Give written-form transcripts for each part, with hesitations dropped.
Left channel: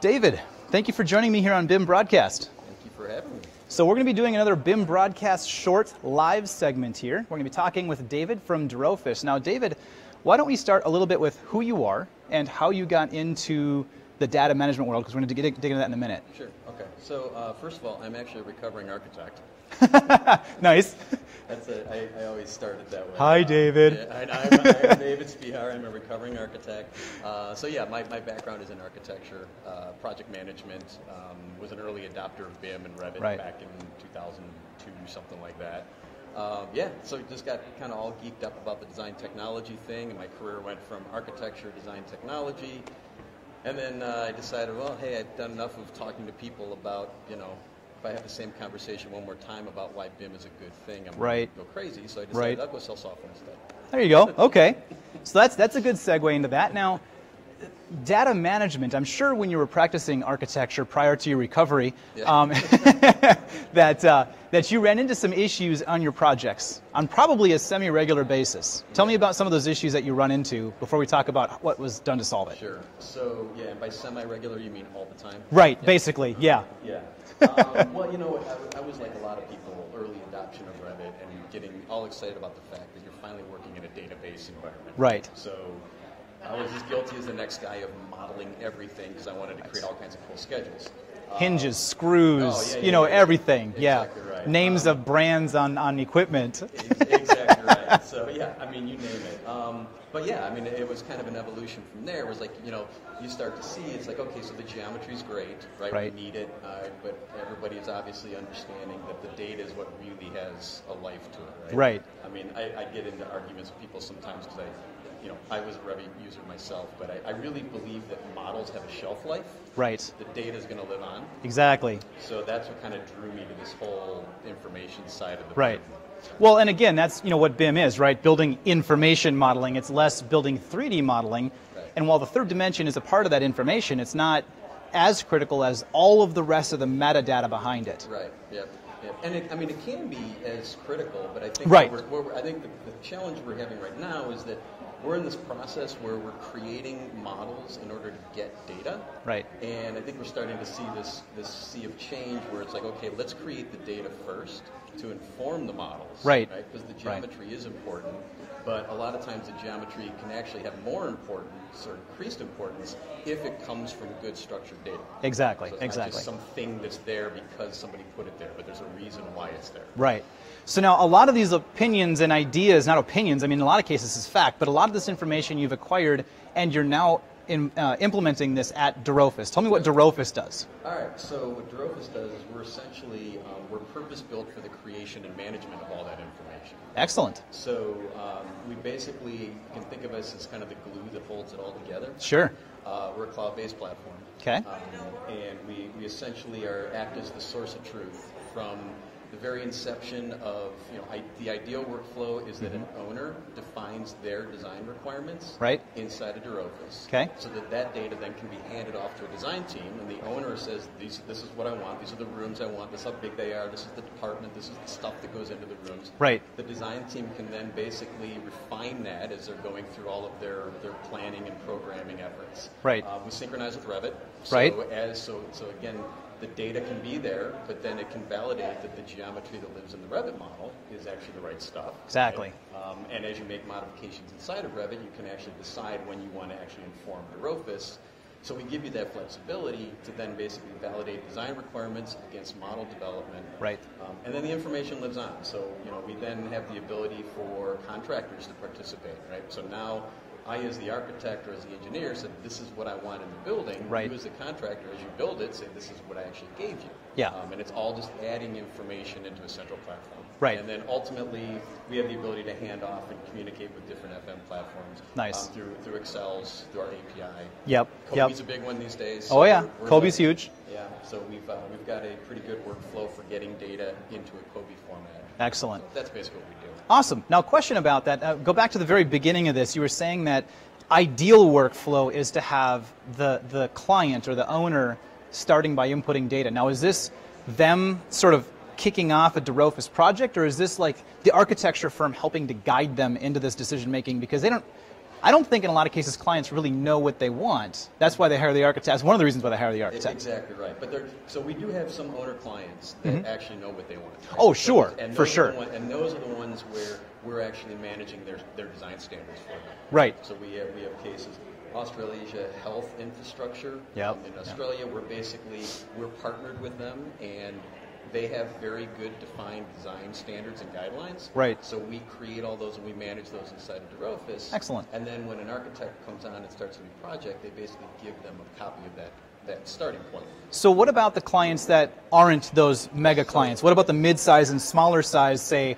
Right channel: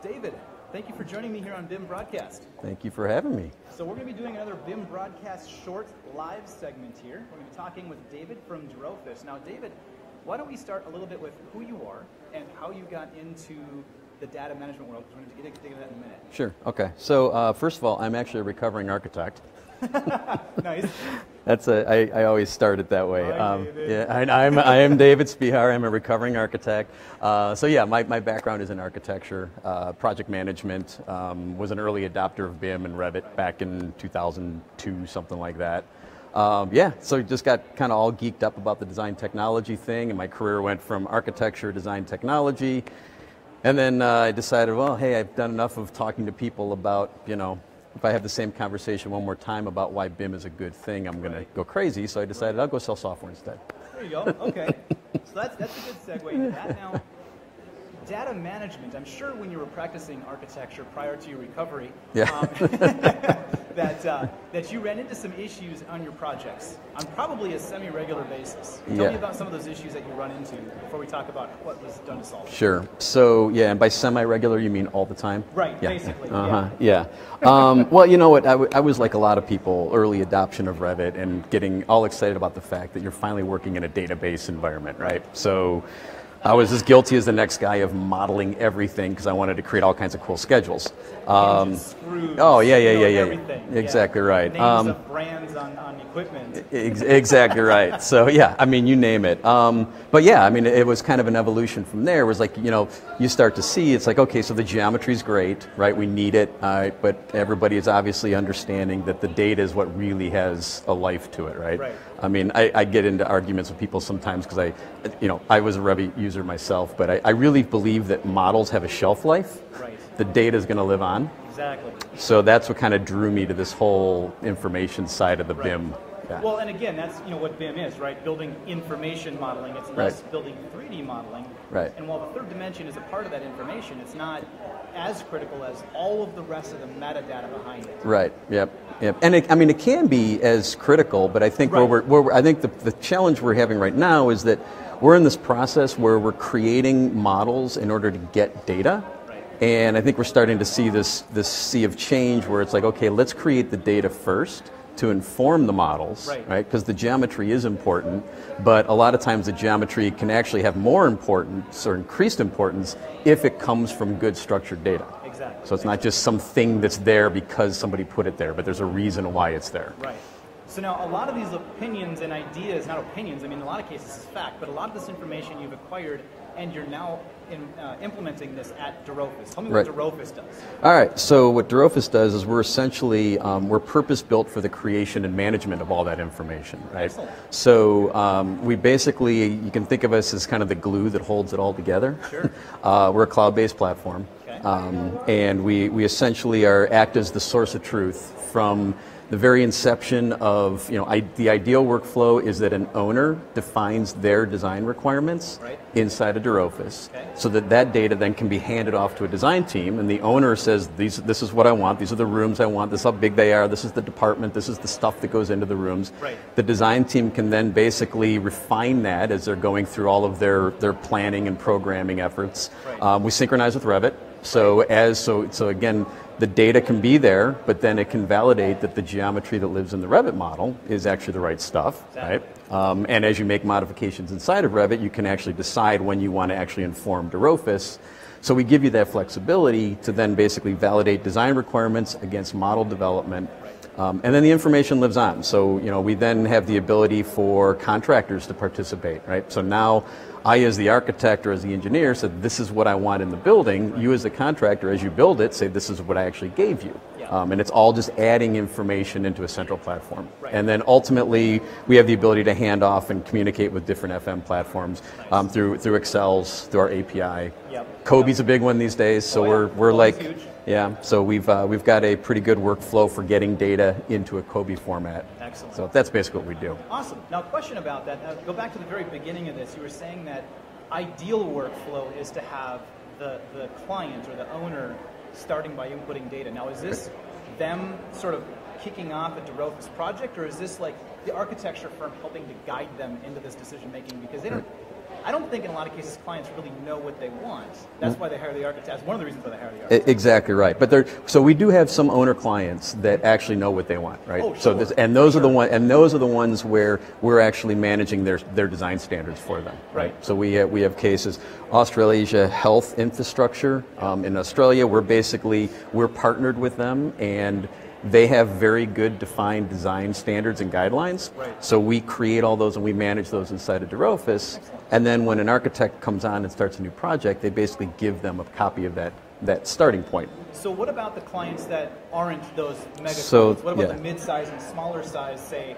David, thank you for joining me here on BIM Broadcast. Thank you for having me. So we're going to be doing another BIM Broadcast short live segment here. We're going to be talking with David from dRofus. Now, David, why don't we start a little bit with who you are and how you got into the data management world, because we're going to dig into that in a minute. Sure. Okay. So first of all, I'm actually a recovering architect. Nice. I always start it that way. Hi, David. Yeah, I am David Spehar. I'm a recovering architect. So yeah, my background is in architecture, project management. Was an early adopter of BIM and Revit back in 2002, something like that. Yeah, so just got kind of all geeked up about the design technology thing, and my career went from architecture, design technology, and then I decided, well, hey, I've done enough of talking to people about, if I have the same conversation one more time about why BIM is a good thing, I'm going to go crazy. So I decided I'll go sell software instead. There you go. Okay. So that's a good segue into that. Now, data management, I'm sure when you were practicing architecture prior to your recovery, that you ran into some issues on your projects on probably a semi-regular basis. Tell me about some of those issues that you run into before we talk about what was done to solve it. Sure. So, yeah, and by semi-regular, you mean all the time? Right, basically, yeah. Well, you know what, I was like a lot of people, early adoption of Revit and getting all excited about the fact that you're finally working in a database environment, right? So I was as guilty as the next guy of modeling everything because I wanted to create all kinds of cool schedules. Hinges, screws, everything. Exactly right. Names of brands on equipment. Exactly right. So yeah, I mean, you name it. But yeah, I mean, it was kind of an evolution from there. It was like, you start to see, it's like, okay, so the geometry's great, right? We need it, but everybody is obviously understanding that the data is what really has a life to it, right? Right. I mean, I get into arguments with people sometimes because I was a Revit user myself, but I really believe that models have a shelf life. Right. The data is going to live on. Exactly. So that's what kind of drew me to this whole information side of the BIM. Yeah. Well, and again, that's what BIM is, right? Building information modeling. It's less building 3D modeling. Right. And while the third dimension is a part of that information, it's not as critical as all of the rest of the metadata behind it. Right. Yep. And it can be as critical, but I think I think the challenge we're having right now is that we're in this process where we're creating models in order to get data. Right. And I think we're starting to see this sea of change where it's like, okay, let's create the data first to inform the models. Right. Because the geometry is important, but a lot of times the geometry can actually have more importance or increased importance if it comes from good structured data. Exactly. So it's not just something that's there because somebody put it there, but there's a reason why it's there. Right. So now a lot of these opinions and ideas, not opinions, I mean in a lot of cases it's fact, but a lot of this information you've acquired and you're now implementing this at dRofus. Tell me what dRofus does. All right, so what dRofus does is we're essentially, we're purpose-built for the creation and management of all that information. Right? Excellent. So we basically, you can think of us as kind of the glue that holds it all together. Sure. We're a cloud-based platform. Okay. And we essentially act as the source of truth from the very inception of, the ideal workflow is that an owner defines their design requirements inside of dRofus, so that data then can be handed off to a design team, and the owner says, this is what I want, these are the rooms I want, this is how big they are, this is the department, this is the stuff that goes into the rooms. Right. The design team can then basically refine that as they're going through all of their planning and programming efforts. Right. We synchronize with Revit, so again, the data can be there, but then it can validate that the geometry that lives in the Revit model is actually the right stuff. Exactly. Right? And as you make modifications inside of Revit, you can actually decide when you want to actually inform dRofus. So we give you that flexibility to then basically validate design requirements against model development. Right. And then the information lives on. So we then have the ability for contractors to participate. Right. So now I, as the architect or as the engineer, said, this is what I want in the building. You, as the contractor, as you build it, say, this is what I actually gave you. Yeah. And it's all just adding information into a central platform. Right. And then ultimately, we have the ability to hand off and communicate with different FM platforms through Excels, through our API. Yep. Kobe's a big one these days. So we're Kobe's like huge. Yeah. So we've got a pretty good workflow for getting data into a Kobe format. Excellent. So that's basically what we do. Awesome. Now, question about that. Go back to the very beginning of this. You were saying that ideal workflow is to have the client or the owner starting by inputting data. Now, is this them sort of kicking off a dRofus project, or is this like the architecture firm helping to guide them into this decision making? Because they don't, I don't think in a lot of cases clients really know what they want. That's why they hire the architect. That's one of the reasons why they hire the architect. Exactly right. But so we do have some owner clients that actually know what they want, right? Oh, sure. So and those are the ones where we're actually managing their design standards for them. Right. So we have cases. Australasia Health Infrastructure in Australia. We're partnered with them, and they have very good defined design standards and guidelines. Right. So we create all those and we manage those inside of dRofus. Excellent. And then when an architect comes on and starts a new project, they basically give them a copy of that starting point. So what about the clients that aren't those mega clients? What about the mid-size and smaller size, say,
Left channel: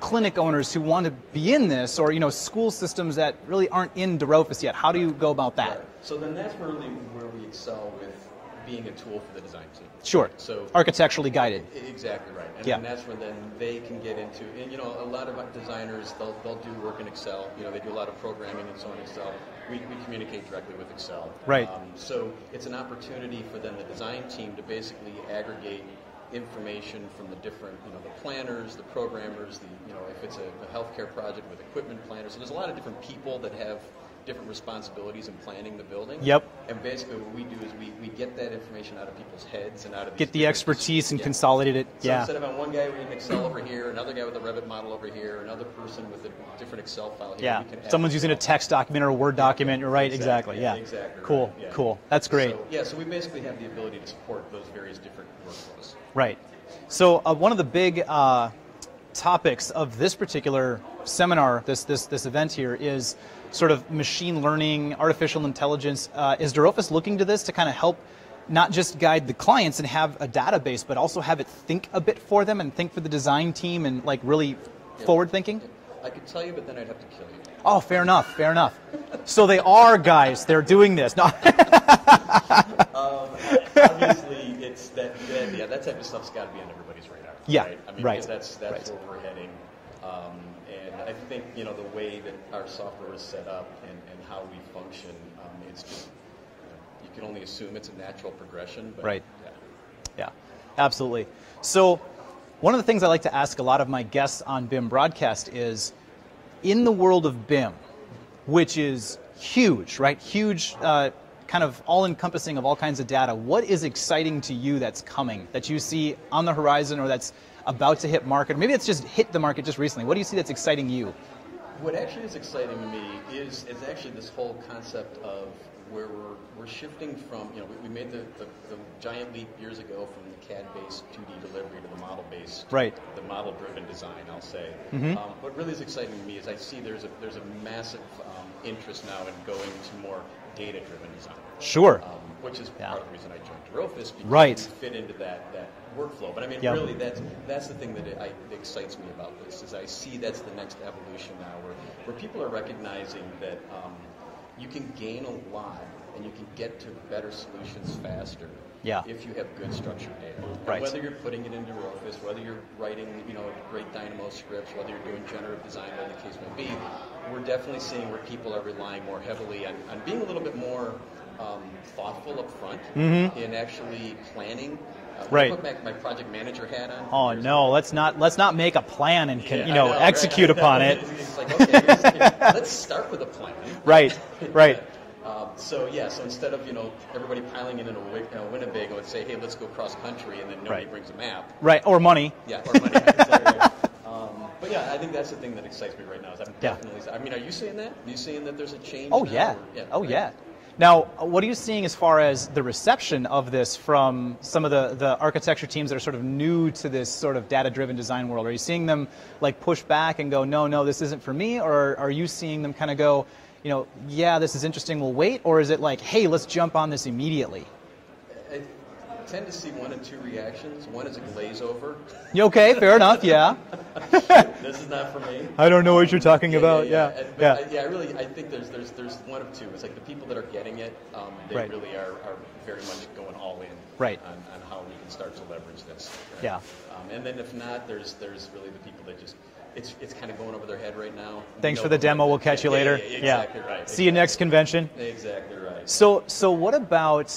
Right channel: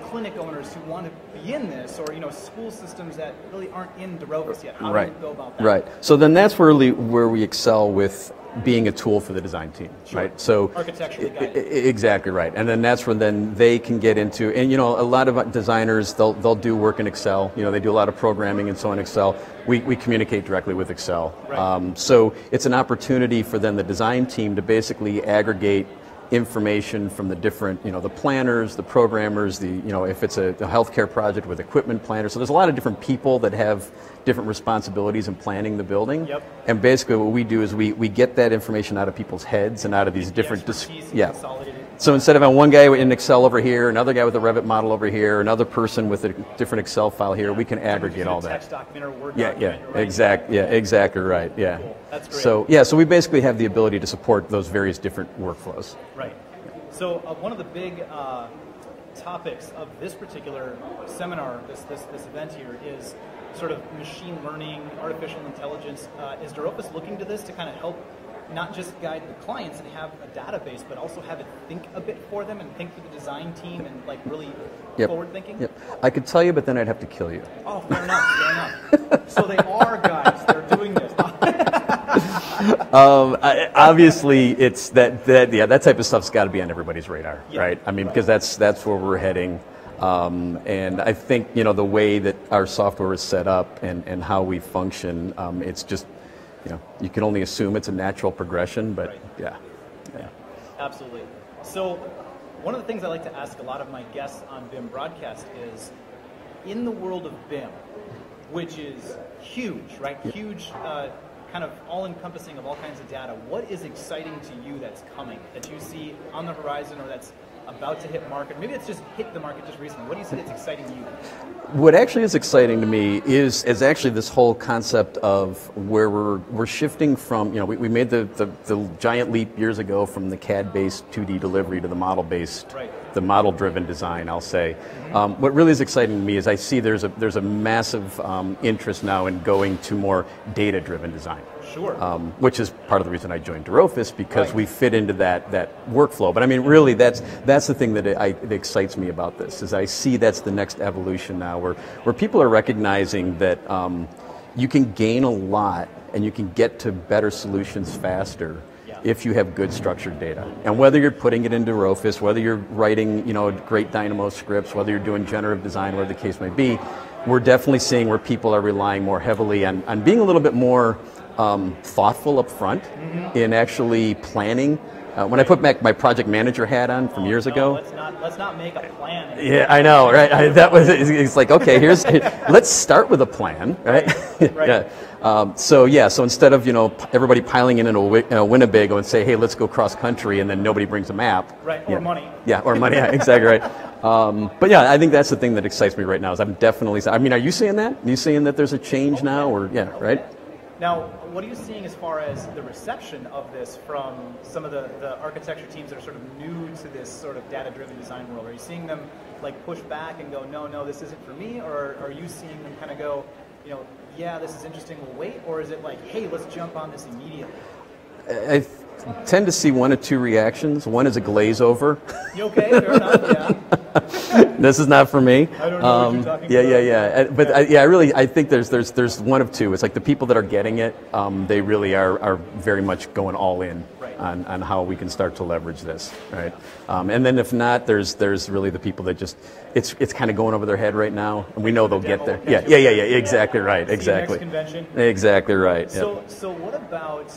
clinic owners who want to be in this, or school systems that really aren't in dRofus yet? How do you go about that? Right. So then that's where we excel with being a tool for the design team. Sure. Right? So architecturally guided. Exactly right. And then that's when then they can get into, and a lot of designers, they'll do work in Excel. They do a lot of programming and so in Excel. We communicate directly with Excel. Right. So it's an opportunity for then the design team to basically aggregate information from the different, the planners, the programmers, if it's a healthcare project with equipment planners. So there's a lot of different people that have different responsibilities in planning the building. Yep. And basically what we do is we get that information out of people's heads and out of these get different... Get the expertise and consolidate it. So instead of having one guy in Excel over here, another guy with a Revit model over here, another person with a different Excel file here, we can aggregate someone's using a text document or a Word document, you're right. Exactly. Exactly cool. right. Yeah. Cool. That's great. So so we basically have the ability to support those various different workflows. Right. So one of the big topics of this particular seminar, this event here, is sort of machine learning, artificial intelligence. Is dRofus looking to this to kind of help not just guide the clients and have a database, but also have it think a bit for them and think for the design team and really forward thinking? Yep. I could tell you, but then I'd have to kill you. Oh, fair enough, fair enough. So they are guys, they're doing this. No. Obviously, it's that type of stuff's got to be on everybody's radar, right? I mean, because that's where we're heading. And I think, the way that our software is set up and how we function, it's just, you can only assume it's a natural progression, but yeah, absolutely. So one of the things I like to ask a lot of my guests on BIM Broadcast is, in the world of BIM, which is huge, right? Huge, kind of all-encompassing of all kinds of data, what is exciting to you that's coming, that you see on the horizon or that's about to hit market? Maybe it's just hit the market just recently. What do you see that's exciting you? What actually is exciting to me is actually this whole concept of where we're shifting from, we made the giant leap years ago from the CAD-based 2D delivery to the model-based, the model-driven design, I'll say. Mm-hmm. What really is exciting to me is I see there's a massive interest now in going to more data-driven design. Sure. Which is part of the reason I joined dRofus, because we fit into that workflow. But I mean, really, that's the thing that excites me about this, is I see that's the next evolution now, where people are recognizing that you can gain a lot and you can get to better solutions faster if you have good structured data. And whether you're putting it into dRofus, whether you're writing great Dynamo scripts, whether you're doing generative design, whatever the case may be, we're definitely seeing where people are relying more heavily on being a little bit more thoughtful up front in actually planning. When I put back my project manager hat on from years ago, let's not make a plan and I know, right? It's like, okay, let's start with a plan, right? So instead of everybody piling in a Winnebago and say, hey, let's go cross country, and then nobody brings a map, or money, or money, exactly right. But I think that's the thing that excites me right now. Is I'm definitely. I mean, are you seeing that? Are you seeing that there's a change now, or right? Yeah. Now, what are you seeing as far as the reception of this from some of the architecture teams that are sort of new to this sort of data-driven design world? Are you seeing them push back and go, no, this isn't for me? Or are you seeing them kind of go, yeah, this is interesting, we'll wait? Or is it like, hey, let's jump on this immediately? I tend to see one of two reactions. One is a glaze over. Okay, fair enough, yeah. This is not for me. I don't know what you're talking about. But I think there's one of two. It's like the people that are getting it, they really are very much going all in on how we can start to leverage this. Right? Yeah. And then if not, there's really the people that just, it's kind of going over their head right now. And we know for the demo, we'll catch you later. Yeah, exactly right. See you next convention. Exactly right. So what about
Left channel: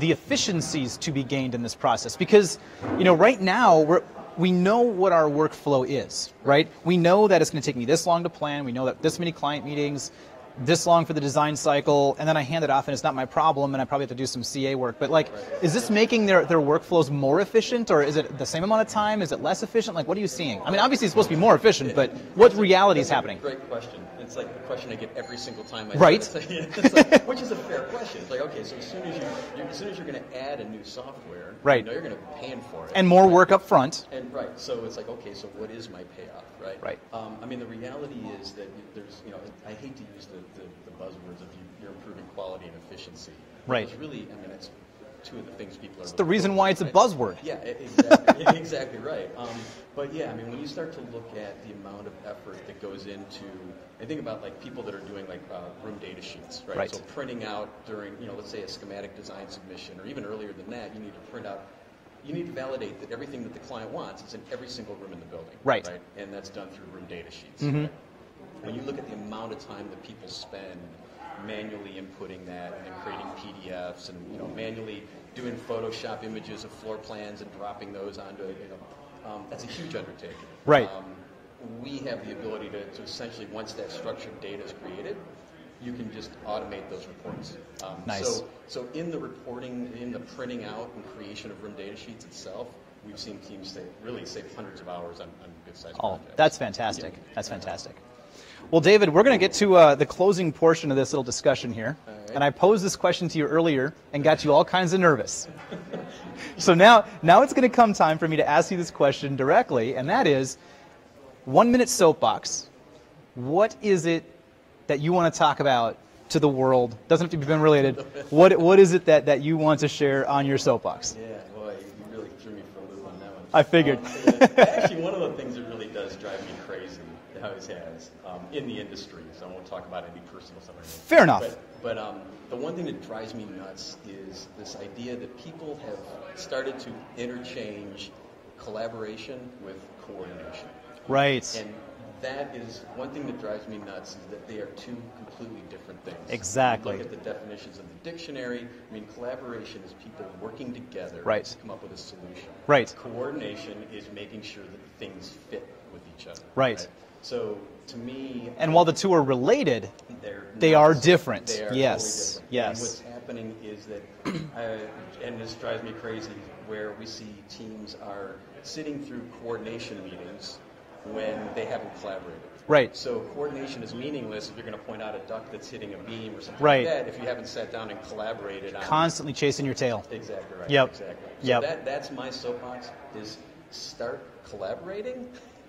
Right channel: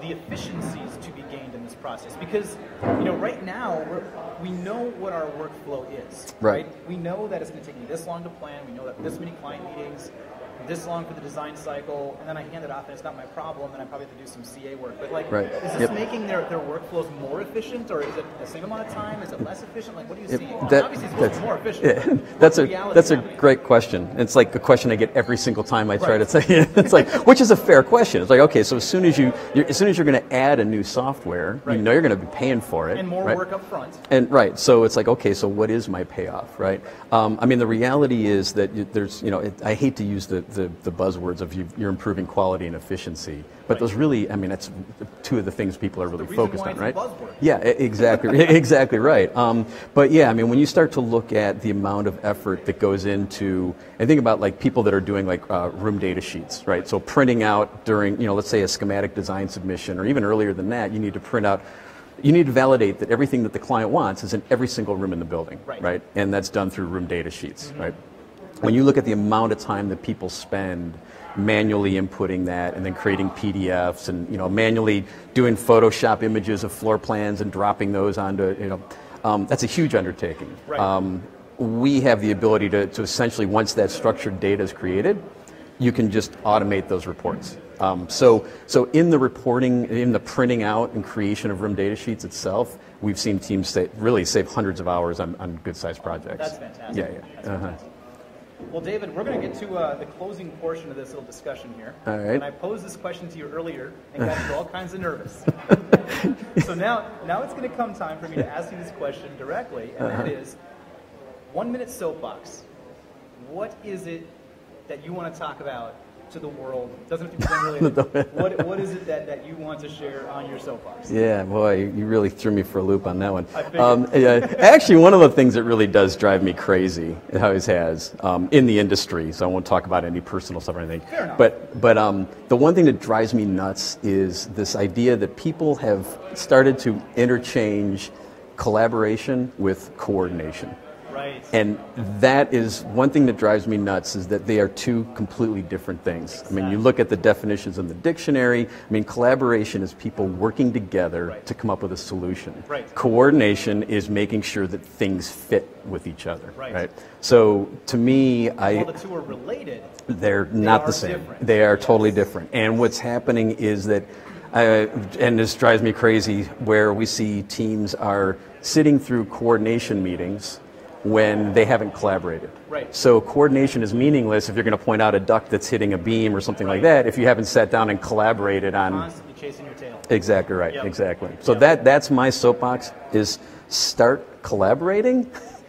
the efficiencies to be gained in this process? Because right now we know what our workflow is, right? We know that it's going to take me this long to plan. We know that this many client meetings, this long for the design cycle, and then I hand it off and it's not my problem and I probably have to do some CA work. But like, is this making their workflows more efficient, or is it the same amount of time? Is it less efficient? Like, what are you seeing? I mean, obviously it's supposed to be more efficient, but what's reality happening? That's a great question. It's like a question I get every single time I try to say it. It's like, which is a fair question. It's like, okay, so as soon as you're going to add a new software, you know you're going to be paying for it. And more work up front. And so it's like, okay, so what is my payoff, right? I mean, the reality is that there's, I hate to use the buzzwords of you're improving quality and efficiency, but those really, I mean, that's two of the things people are really focused on. The reason why it's a buzzword. Yeah, exactly, exactly right. But yeah, I mean, when you start to look at the amount of effort that goes into, and think about like people that are doing like room data sheets, right? So printing out during, let's say a schematic design submission, or even earlier than that, you need to print out. You need to validate that everything that the client wants is in every single room in the building, right? And that's done through room data sheets, right? When you look at the amount of time that people spend manually inputting that and then creating PDFs and manually doing Photoshop images of floor plans and dropping those onto, that's a huge undertaking. We have the ability to essentially, once that structured data is created, you can just automate those reports. So in the reporting, in the printing out and creation of room data sheets itself, we've seen teams really save hundreds of hours on good-sized projects. That's fantastic. That's fantastic. Well, David, we're going to get to the closing portion of this little discussion here. All right. And I posed this question to you earlier and got you all kinds of nervous. So now it's going to come time for me to ask you this question directly, and that is, 1 minute soapbox. What is it that you want to talk about to the world? Doesn't have to be related. What is it that you want to share on your soapbox? Yeah, boy, you really threw me for a loop on that one. I figured. Actually, one of the things that really does drive me crazy, it always has, in the industry, so I won't talk about any personal stuff or anything. Fair enough. But the one thing that drives me nuts is this idea that people have started to interchange collaboration with coordination. Right. And that is one thing that drives me nuts, is that they are two completely different things. Exactly. I mean, you look at the definitions in the dictionary. I mean, collaboration is people working together to come up with a solution. Right. Coordination is making sure that things fit with each other. Right. So to me, while the two are related, they are different. They are totally different. Yes. And what's happening is that, and this drives me crazy, where we see teams are sitting through coordination meetings when they haven't collaborated. Right. So coordination is meaningless if you're going to point out a duct that's hitting a beam or something like that, if you haven't sat down and collaborated on... Constantly chasing your tail. Exactly right, exactly. So that's my soapbox, is start collaborating,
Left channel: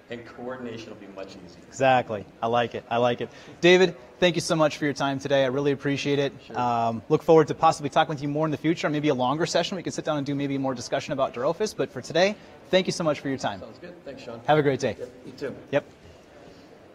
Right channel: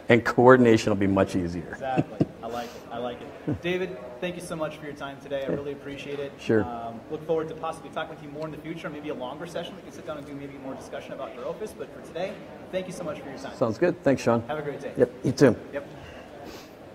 and coordination will be much easier. Exactly. I like it. I like it. David, thank you so much for your time today. I really appreciate it. Sure. Look forward to possibly talking with you more in the future, maybe a longer session. We can sit down and do maybe more discussion about dRofus. But for today, thank you so much for your time. Sounds good. Thanks, Shawn. Have a great day. Yep, you too. Yep.